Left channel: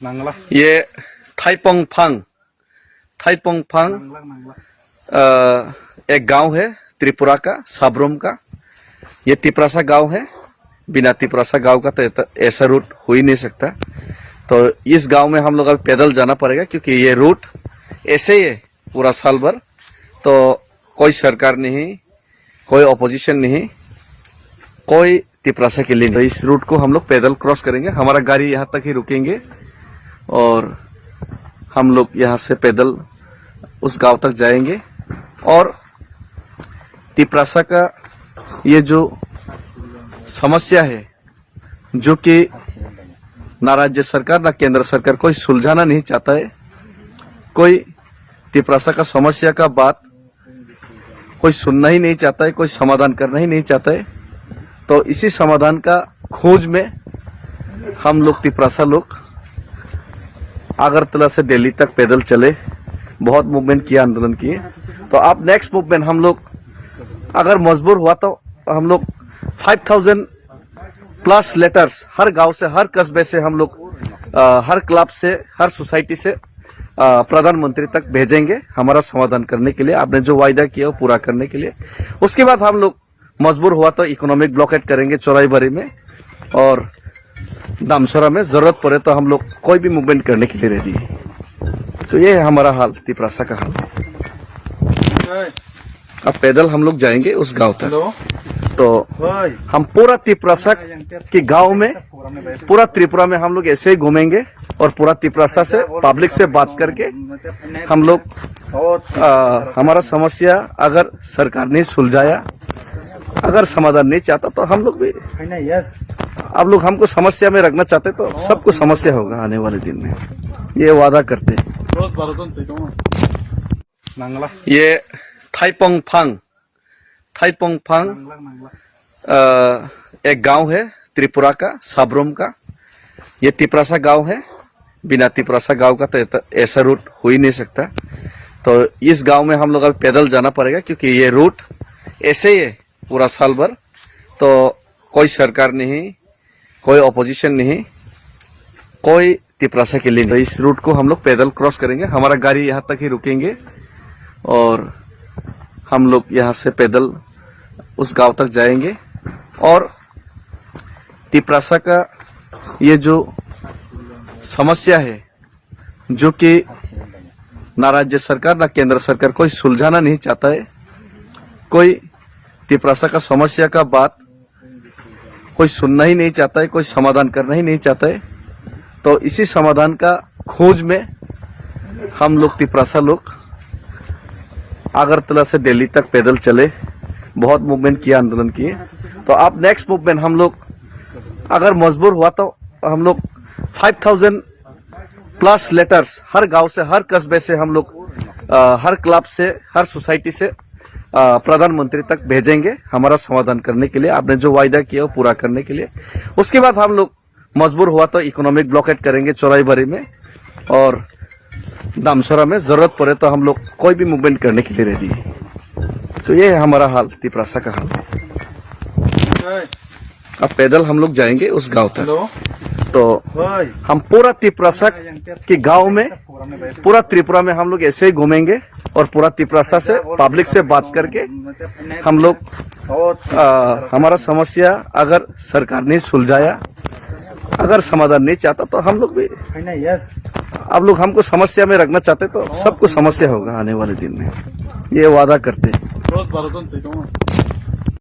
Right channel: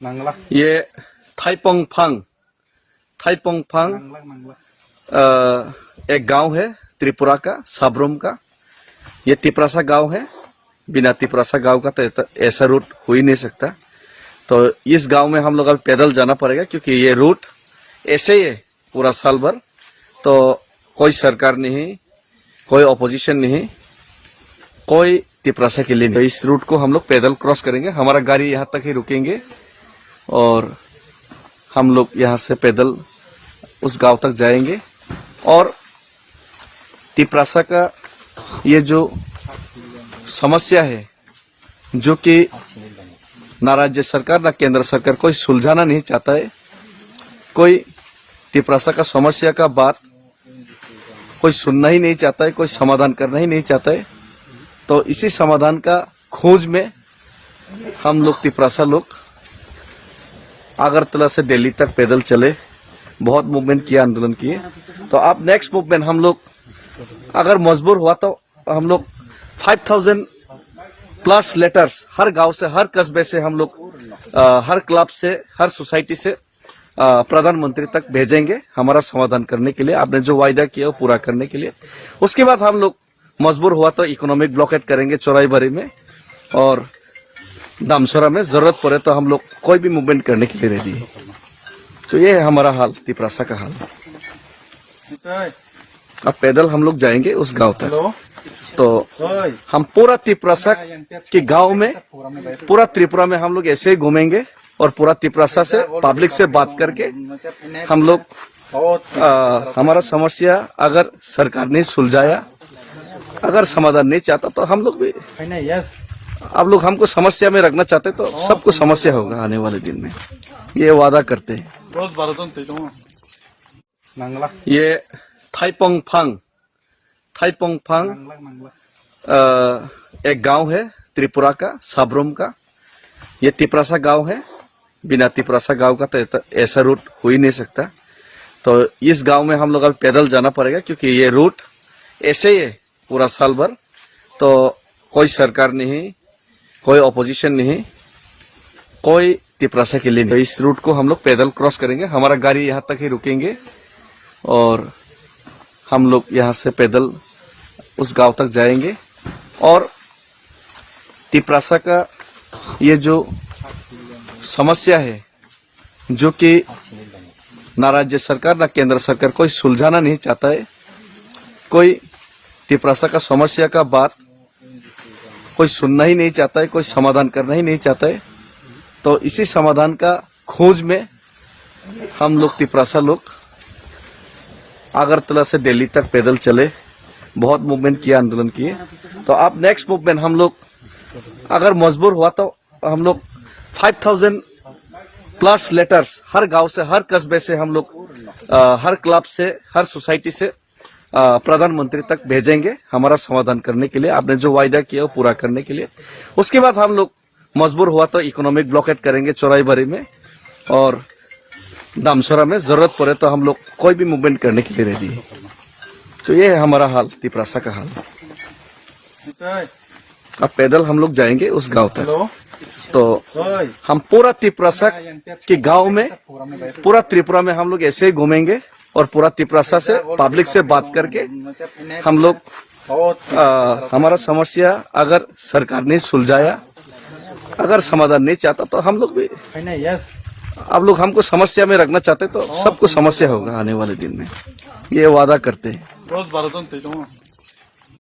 ये थाईपोंग फांग एक गांव है त्रिपुरा का, साब्रोम का। ये तिपरासा गांव है। बिना तिपरासा गांव का तो ऐसा रूट हो ही नहीं सकता। तो इस गांव में हम लोग अब पैदल जाना पड़ेगा, क्योंकि ये रूट ऐसे ही है पूरा साल भर। तो कोई सरकार नहीं, कोई ऑपोजिशन नहीं, कोई तिपरासा के लिए। तो इस रूट को हम लोग पैदल क्रॉस करेंगे। हमारा गाड़ी यहाँ तक ही रुकेंगे और हम लोग यहाँ से पैदल उस गांव तक जाएंगे। और तिपरासा का ये जो समस्या है, जो कि ना राज्य सरकार ना केंद्र सरकार कोई सुलझाना नहीं चाहता है। कोई तिपरासा का समस्या का बात कोई सुनना ही नहीं चाहता है, कोई समाधान करना ही नहीं चाहता है। तो इसी समाधान का खोज में हम लोग तिपरासा लोग अगरतला से दिल्ली तक पैदल चले, बहुत मूवमेंट किया, आंदोलन किए। तो अब नेक्स्ट मूवमेंट हम लोग अगर मजबूर हुआ तो हम लोग 5000 प्लस लेटर्स हर गांव से, हर कस्बे से हम लोग, हर क्लब से, हर सोसाइटी से प्रधानमंत्री तक भेजेंगे हमारा समाधान करने के लिए, आपने जो वायदा किया वो पूरा करने के लिए। उसके बाद हम लोग मजबूर हुआ तो इकोनॉमिक ब्लॉकेट करेंगे चौराईबारी में, और दामसोरा में जरूरत पड़े तो हम लोग कोई भी मूवमेंट करने के लिए रेडी है। तो ये है हमारा हाल, तिपरासा का हाल। अब पैदल हम लोग जाएंगे उस गांव तक। तो हम पूरा तिपरासा के गांव में, पूरा त्रिपुरा में हम लोग ऐसे ही घूमेंगे और पूरा तिपरासा से पब्लिक से बात करके हम लोग हमारा समस्या अगर सरकार ने सुलझाया, अगर समाधान नहीं चाहता तो हम लोग भी, अब लोग हमको समस्या में रखना चाहते तो सबको समस्या होगा आने वाले दिन में, ये वादा करते हैं। ये थाईपोंग फांग एक गांव है त्रिपुरा का, साब्रोम का। ये तिपरासा गांव है। बिना तिपरासा गांव का तो ऐसा रूट हो ही नहीं सकता। तो इस गांव में हम लोग अब पैदल जाना पड़ेगा, क्योंकि ये रूट ऐसे ही है पूरा साल भर। तो कोई सरकार नहीं, कोई ऑपोजिशन नहीं, कोई तिपरासा के लिए। तो इस रूट को हम लोग पैदल क्रॉस करेंगे। हमारा गाड़ी यहाँ तक ही रुकेंगे और हम लोग यहाँ से पैदल उस गांव तक जाएंगे। और तिपरासा का ये जो समस्या है, जो कि ना राज्य सरकार ना केंद्र सरकार कोई सुलझाना नहीं चाहता है। कोई तिपरासा का समस्या का बात कोई सुनना ही नहीं चाहता है, कोई समाधान करना ही नहीं चाहता है। तो इसी समाधान का खोज में हम लोग तिपरासा लोग अगरतला से दिल्ली तक पैदल चले, बहुत मूवमेंट किया, आंदोलन किए। तो अब नेक्स्ट मूवमेंट हम लोग अगर मजबूर हुआ तो हम लोग 5000 प्लस लेटर्स हर गांव से, हर कस्बे से हम लोग, हर क्लब से, हर सोसाइटी से प्रधानमंत्री तक भेजेंगे हमारा समाधान करने के लिए, आपने जो वायदा किया वो पूरा करने के लिए। उसके बाद हम लोग मजबूर हुआ तो इकोनॉमिक ब्लॉकेट करेंगे चौराईबारी में, और दामसोरा में जरूरत पड़े तो हम लोग कोई भी मूवमेंट करने के लिए रेडी है। तो ये है हमारा हाल, तिपरासा का हाल। अब पैदल हम लोग जाएंगे उस गांव तक। तो हम पूरा तिपरासा के गांव में, पूरा त्रिपुरा में हम लोग ऐसे ही घूमेंगे और पूरा तिपरासा से पब्लिक से बात करके हम लोग हमारा समस्या अगर सरकार ने सुलझाया, अगर समाधान नहीं चाहता तो हम लोग भी, अब लोग हमको समस्या में रखना चाहते तो सबको समस्या होगा आने वाले दिन में, ये वादा करते हैं।